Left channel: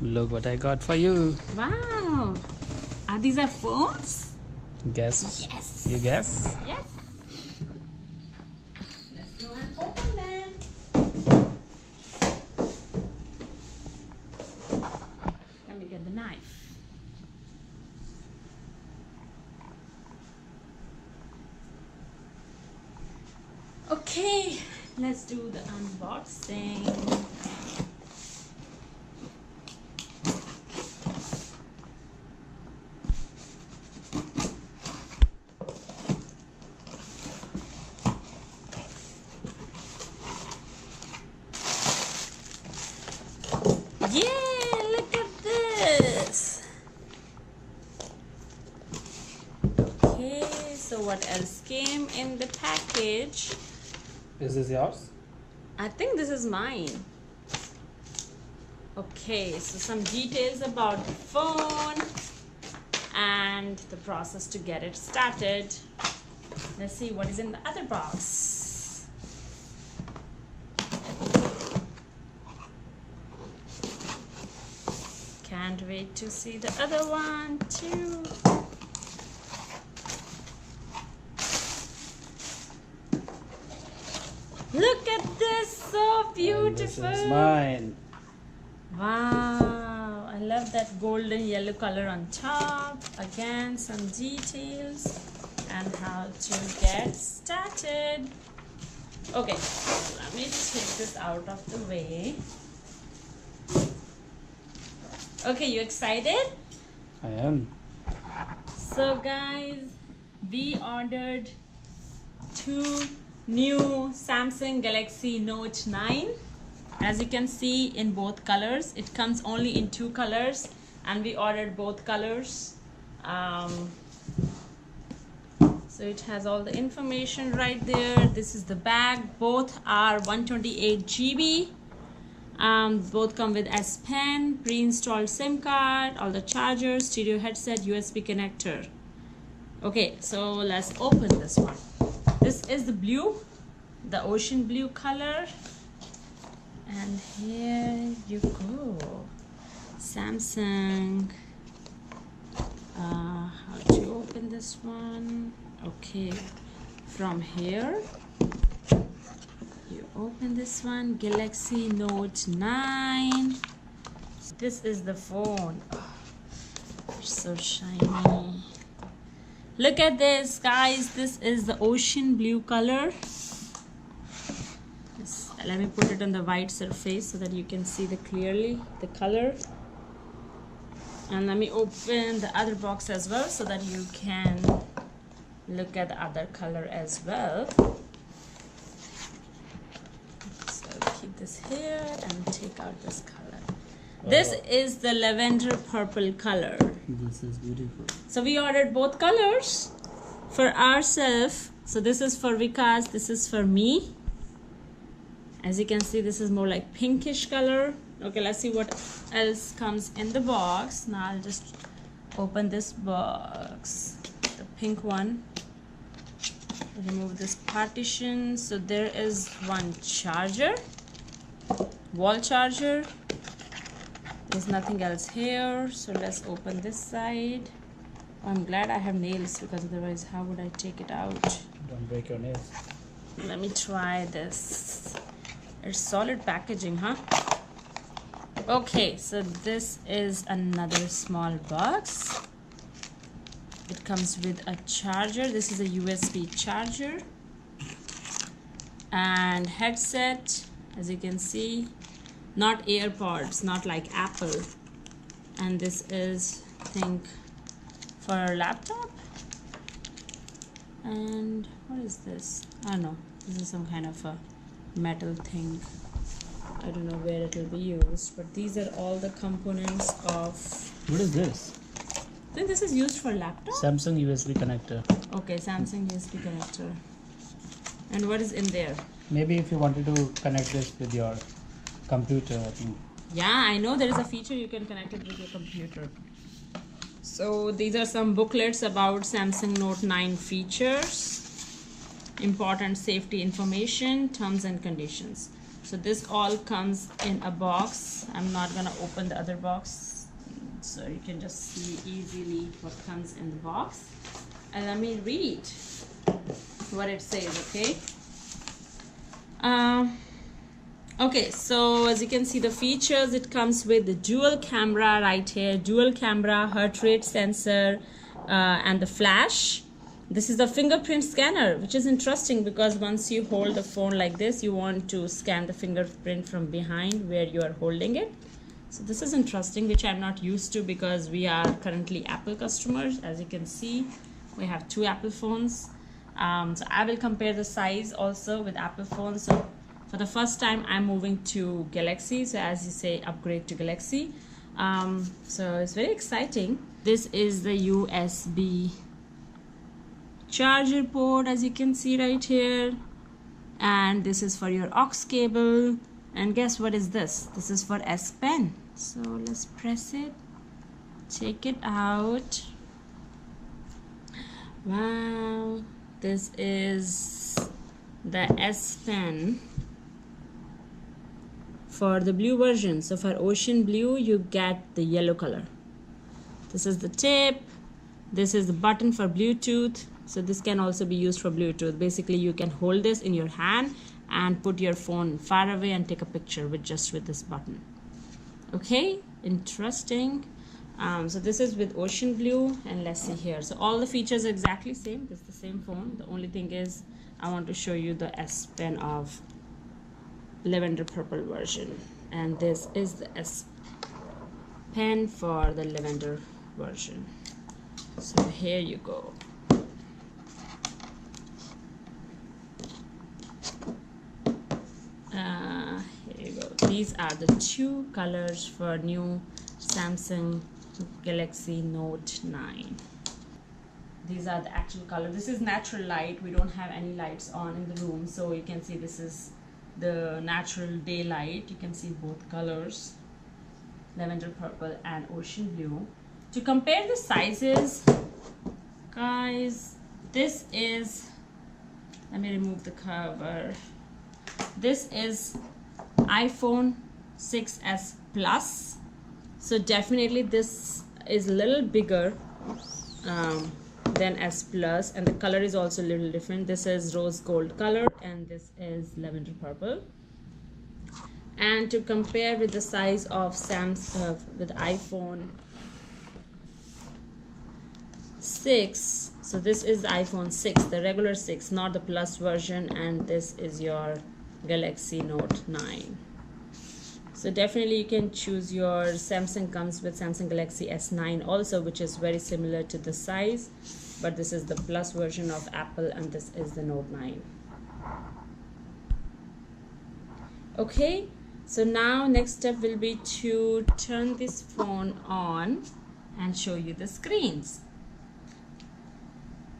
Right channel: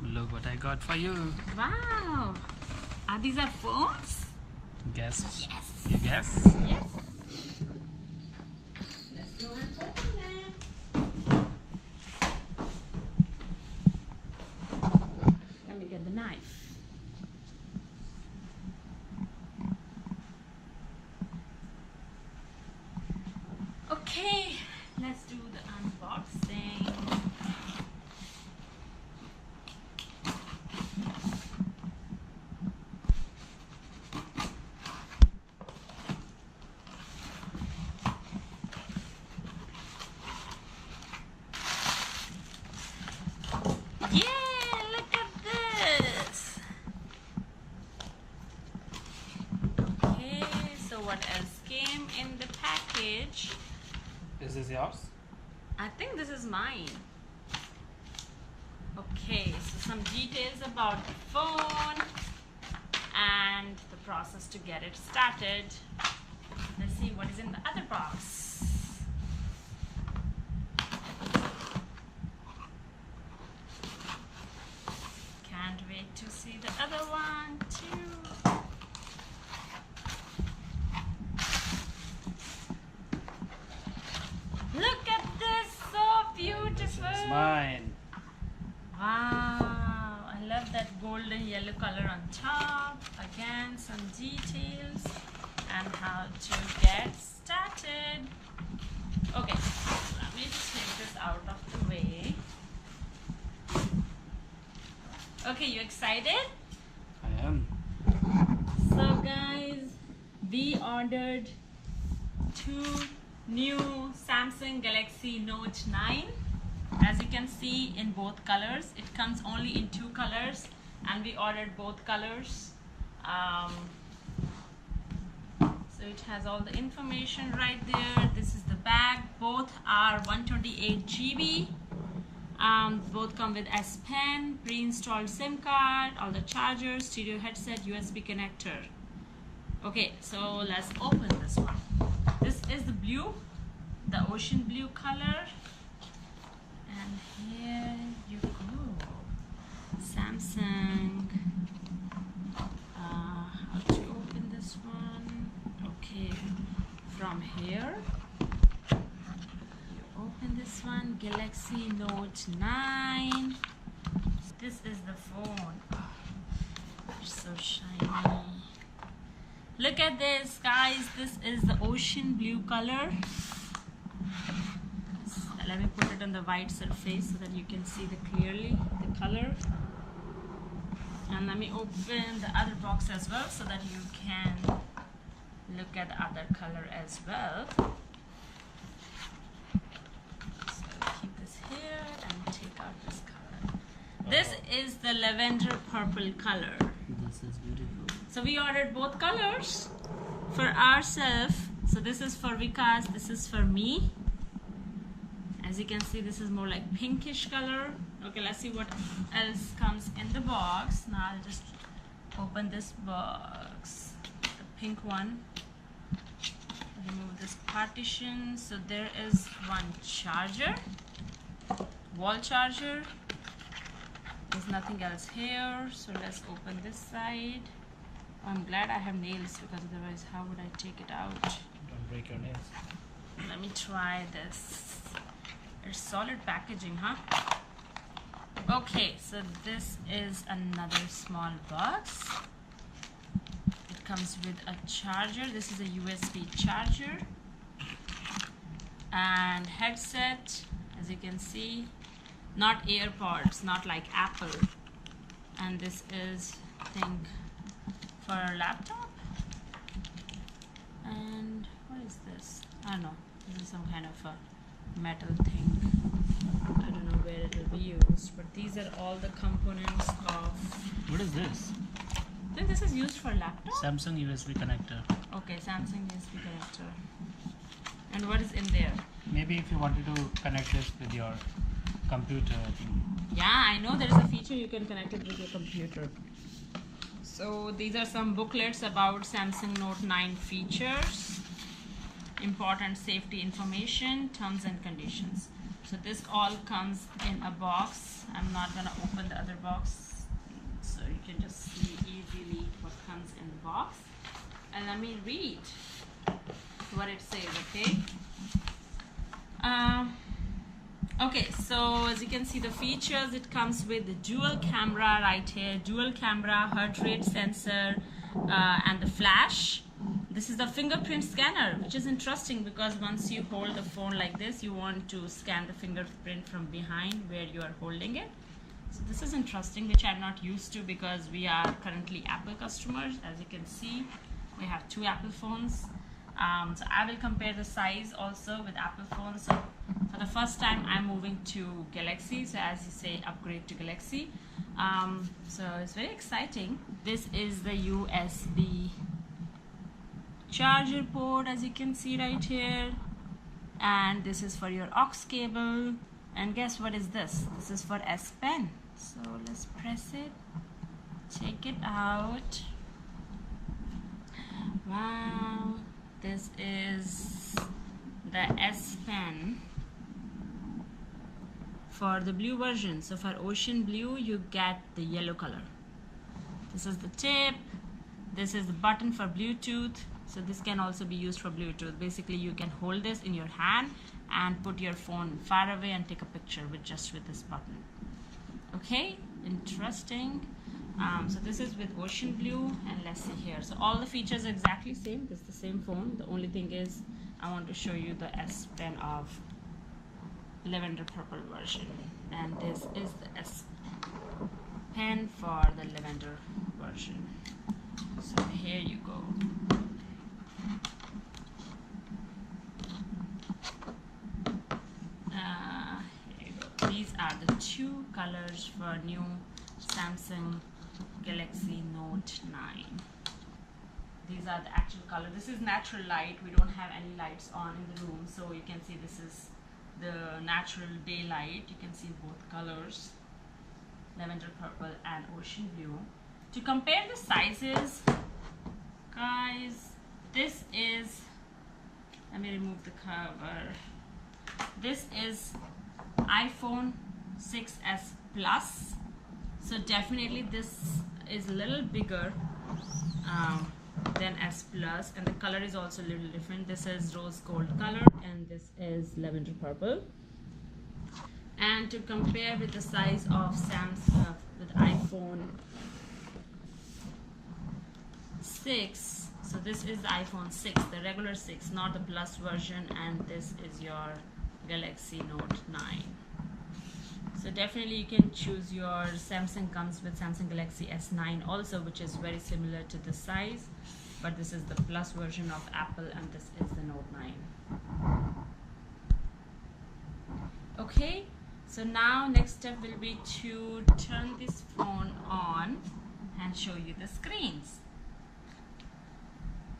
Look what I got for you. Wow. Are these our phones? Guess? Yes. You guess? Yes. Let's go and open them. Let me get the knife. Okay, let's do the unboxing. Yeah, look at this. Okay, so what else came in the package? Is this yours? I think this is mine. Okay, so some details about the phone and the process to get it started. Let's see what is in the other box. Can't wait to see the other one too. Look at this, so beautiful. And this is mine. Wow, I love that golden yellow color on top. Again, some details and how to get started. Okay, let me take this out of the way. Okay, you excited? I am. So guys, we ordered two new Samsung Galaxy Note 9. As you can see, in both colors. It comes only in two colors and we ordered both colors. So it has all the information right there. This is the bag. Both are 128 GB. Both come with S Pen, pre-installed SIM card, all the chargers, stereo headset, USB connector. Okay, so let's open this one. This is the blue, the ocean blue color. And here you go. Samsung. How to open this one? Okay, from here you open this one. Galaxy Note 9. This is the phone. Oh, it's so shiny. Look at this, guys. This is the ocean blue color. Let me put it on the white surface so that you can see clearly the color. And let me open the other box as well so that you can look at the other color as well. So keep this here and take out this color. This is the lavender purple color. This is beautiful. So we ordered both colors for ourselves. So this is for Vikas, this is for me. As you can see, this is more like pinkish color. Okay, let's see what else comes in the box. Now I'll just open this box, the pink one. Remove this partition. So there is one charger, wall charger. There's nothing else here. So let's open this side. Oh, I'm glad I have nails because otherwise how would I take it out? Don't break your nails. Let me try this. It's solid packaging, huh? Okay, so this is another small box. It comes with a charger. This is a USB charger and headset. As you can see, not AirPods, not like Apple. And this is, I think, for a laptop. And what is this? I don't know. This is some kind of a metal thing. I don't know where it will be used, but these are all the components of. What is this? I think this is used for laptop. Samsung USB connector. Okay, Samsung USB connector. And what is in there? Maybe if you wanted to connect this with your computer, I think. Yeah, I know there is a feature you can connect it with your computer. So these are some booklets about Samsung Note 9 features, important safety information, terms and conditions. So this all comes in a box. I'm not gonna open the other box, so you can just see easily what comes in the box. And let me read what it says, okay? Okay, so as you can see the features, it comes with the dual camera right here, dual camera, heart rate sensor, and the flash. This is the fingerprint scanner, which is interesting because once you hold the phone like this, you want to scan the fingerprint from behind where you are holding it. So this is interesting, which I'm not used to because we are currently Apple customers. As you can see, we have 2 Apple phones. So I will compare the size also with Apple phones. So for the first time, I'm moving to Galaxy. So as you say, upgrade to Galaxy. So it's very exciting. This is the USB charger port, as you can see right here. And this is for your aux cable. And guess what is this? This is for S Pen. So let's press it. Check it out. Wow. This is the S Pen for the blue version. So for ocean blue, you get the yellow color. This is the tip. This is the button for Bluetooth. So this can also be used for Bluetooth. Basically, you can hold this in your hand and put your phone far away and take a picture with this button. Okay, interesting. So this is with ocean blue, and let's see here. So all the features are exactly same. It's the same phone. The only thing is I want to show you the S Pen of lavender purple version, and this is the S Pen for the lavender version. So here you go. Here you go. These are the 2 colors for new Samsung Galaxy Note 9. These are the actual color. This is natural light. We don't have any lights on in the room, so you can see this is the natural daylight. You can see both colors, lavender purple and ocean blue. To compare the sizes, guys, this is, let me remove the cover. This is iPhone 6s Plus. So definitely this is a little bigger than S Plus, and the color is also a little different. This is rose gold color and this is lavender purple. And to compare with the size of Samsung with iPhone 6, so this is the iPhone 6, the regular 6, not the Plus version, and this is your Galaxy Note 9. So definitely you can choose your Samsung. Comes with Samsung Galaxy S9 also, which is very similar to the size, but this is the Plus version of Apple and this is the Note 9. Okay, so now next step will be to turn this phone on and show you the screens.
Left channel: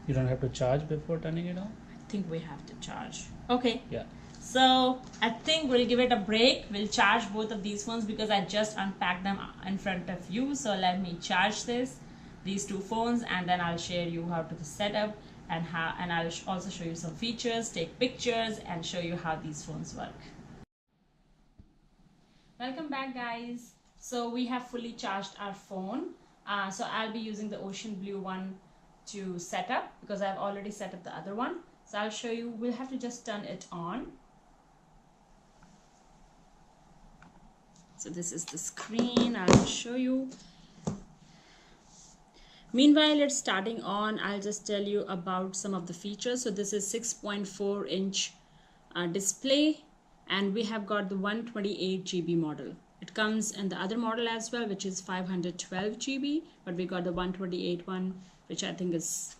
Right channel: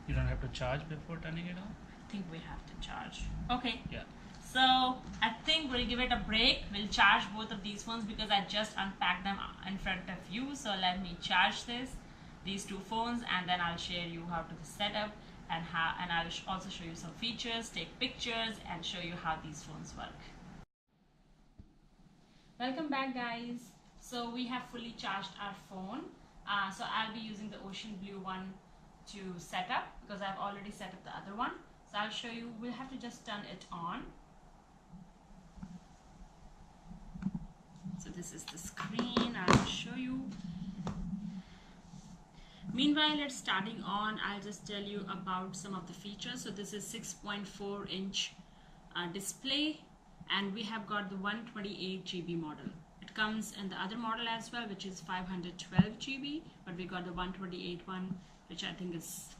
You don't have to charge before turning it on? I think we have to charge. Okay. Yeah. So I think we'll give it a break. We'll charge both of these phones because I just unpacked them in front of you. So let me charge these 2 phones, and then I'll share you how to set up and I'll also show you some features, take pictures, and show you how these phones work. Welcome back, guys. So we have fully charged our phone. So I'll be using the ocean blue one to set up because I've already set up the other one. So I'll show you. We'll have to just turn it on. So this is the screen. I'll show you. Meanwhile, it's starting on. I'll just tell you about some of the features. So this is 6.4 inch display, and we have got the 128 GB model. It comes in the other model as well, which is 512 GB, but we got the 128 one, which I think is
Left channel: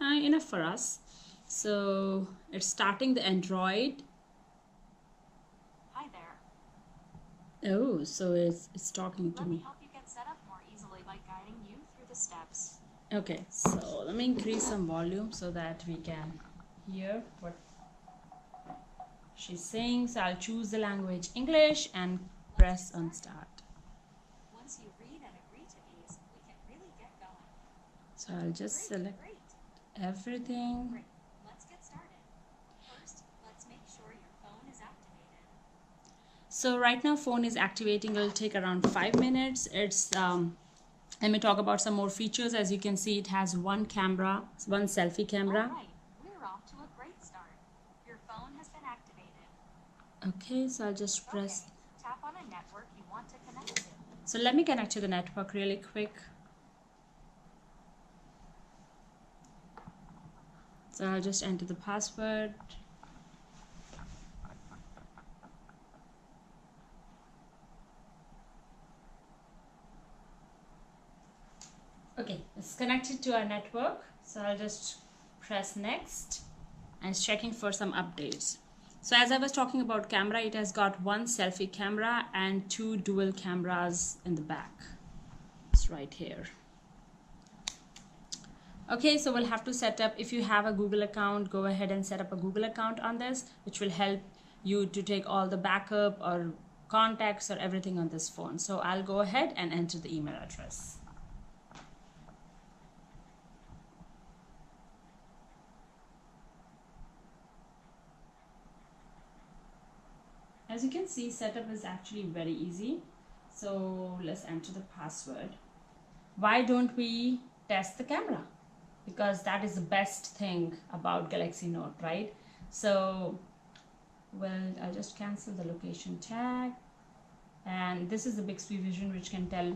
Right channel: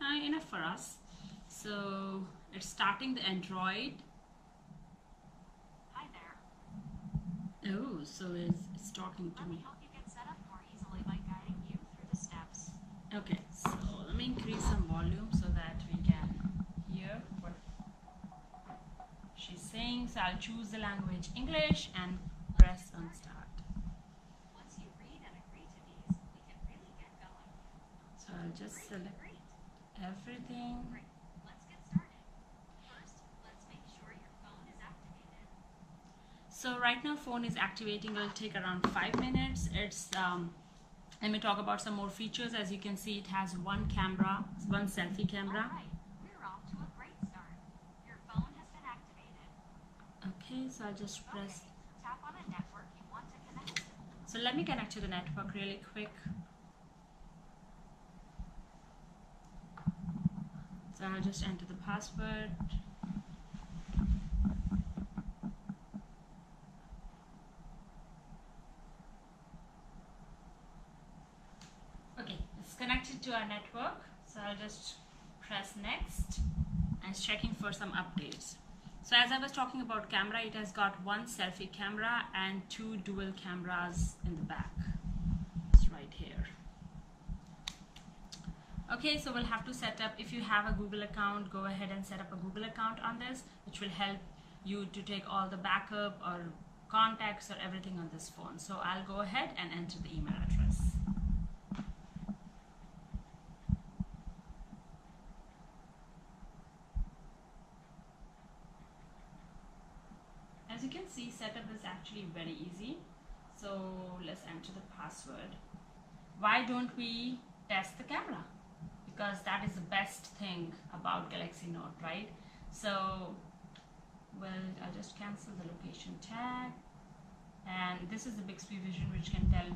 enough for us. So it's starting the Android. Hi there. Oh, so it's talking to Let me. me help you get set up more easily by guiding you through the steps. Okay, so let me increase some volume so that we can hear what she's saying. So I'll choose the language English and press on start. Once you read and agree to these, we can really get going. So I'll just select Great. everything. Great. Let's get started. First, let's make sure your phone is activated. So right now phone is activating. It'll take around 5 minutes. It's let me talk about some more features. As you can see, it has one camera, one selfie camera. All right, we're off to a great start. Your phone has been activated. Okay, so I'll just press. Okay, tap on a network you want to connect to. So let me connect to the network really quick. So I'll just enter the password. Okay, it's connected to our network. So I'll just press next and it's checking for some updates. So as I was talking about camera, it has got one selfie camera and two dual cameras in the back. It's right here. Okay, so we'll have to set up, if you have a Google account, go ahead and set up a Google account on this, which will help you to take all the backup or contacts or everything on this phone. So I'll go ahead and enter the email address. As you can see, setup is actually very easy. So let's enter the password. Why don't we test the camera? Because that is the best thing about Galaxy Note, right? So, well, I'll just cancel the location tag. And this is the Bixby Vision, which can tell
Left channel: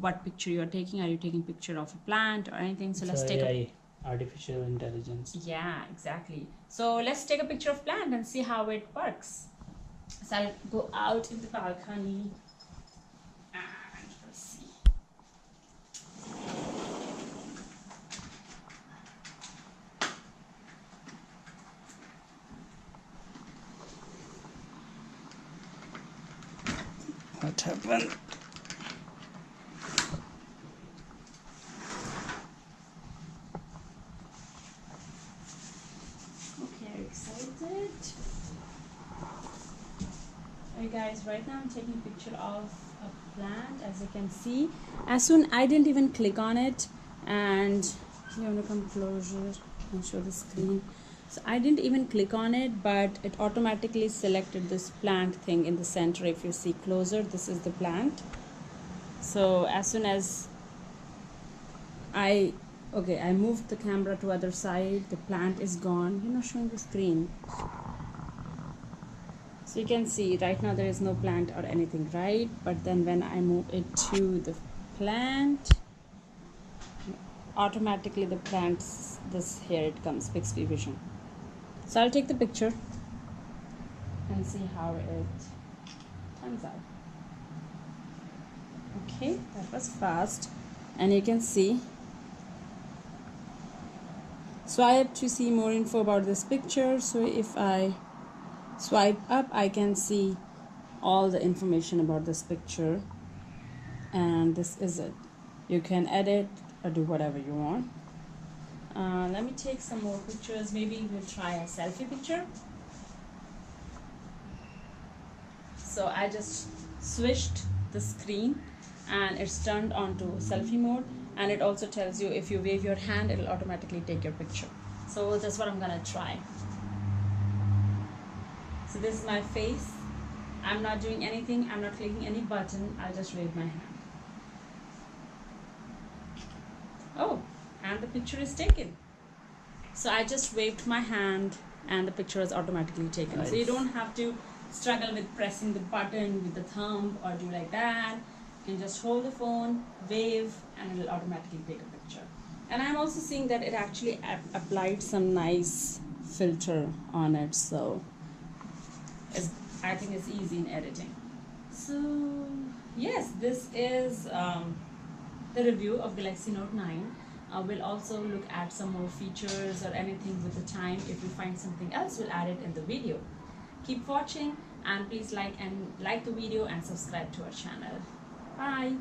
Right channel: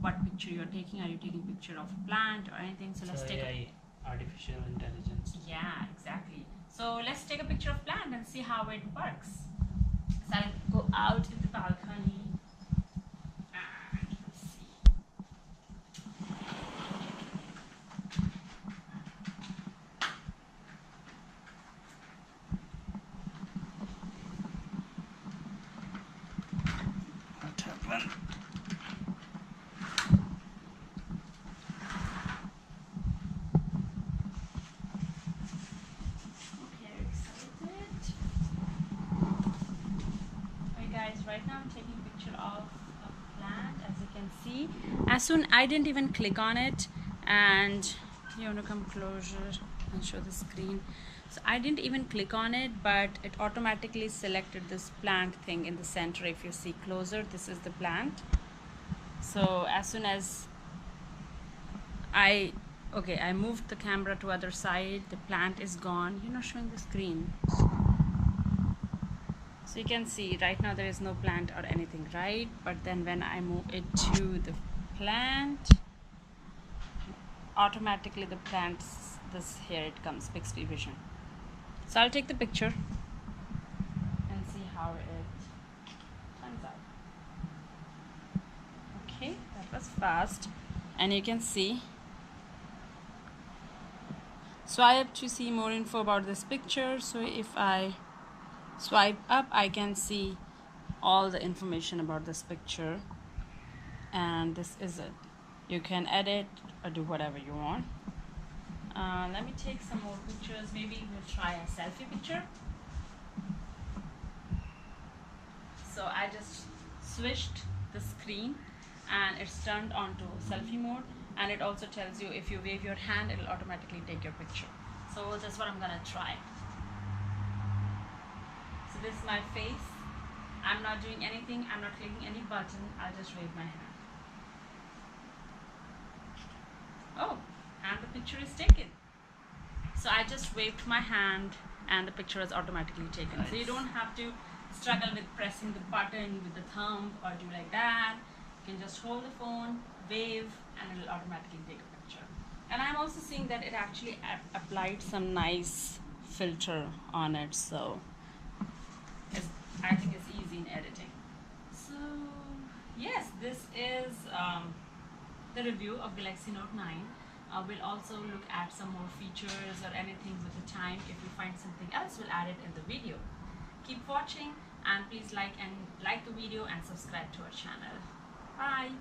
what picture you're taking. Are you taking a picture of a plant or anything? So let's take AI, artificial intelligence. Yeah, exactly. So let's take a picture of plant and see how it works. So I'll go out in the balcony and let's see. What happened? Okay, are you excited? Okay guys, right now I'm taking a picture of a plant, as you can see. As soon, I didn't even click on it, and you want to come closer and show the screen. So I didn't even click on it, but it automatically selected this plant thing in the center. If you see closer, this is the plant. So as soon as I moved the camera to other side, the plant is gone. You're not showing the screen. So you can see right now there is no plant or anything, right? But then when I move it to the plant, automatically the plants, this here it comes, Bixby Vision. So I'll take the picture and see how it turns out. Okay, that was fast. And you can see, swipe to see more info about this picture. So if I swipe up, I can see all the information about this picture, and this is it. You can edit or do whatever you want. Let me take some more pictures. Maybe we'll try a selfie picture. So I just switched the screen and it's turned on to selfie mode, and it also tells you if you wave your hand, it'll automatically take your picture. So that's what I'm gonna try. So this is my face. I'm not doing anything. I'm not clicking any button. I'll just wave my hand. Oh, and the picture is taken. So I just waved my hand and the picture is automatically taken. Nice. So you don't have to struggle with pressing the button with the thumb or do like that. You can just hold the phone, wave, and it'll automatically take a picture. And I'm also seeing that it actually applied some nice filter on it. So I think it's easy in editing. So yes, this is the review of Galaxy Note 9. We'll also look at some more features or anything with the time. If we find something else, we'll add it in the video. Keep watching, and please like the video and subscribe to our channel. Bye.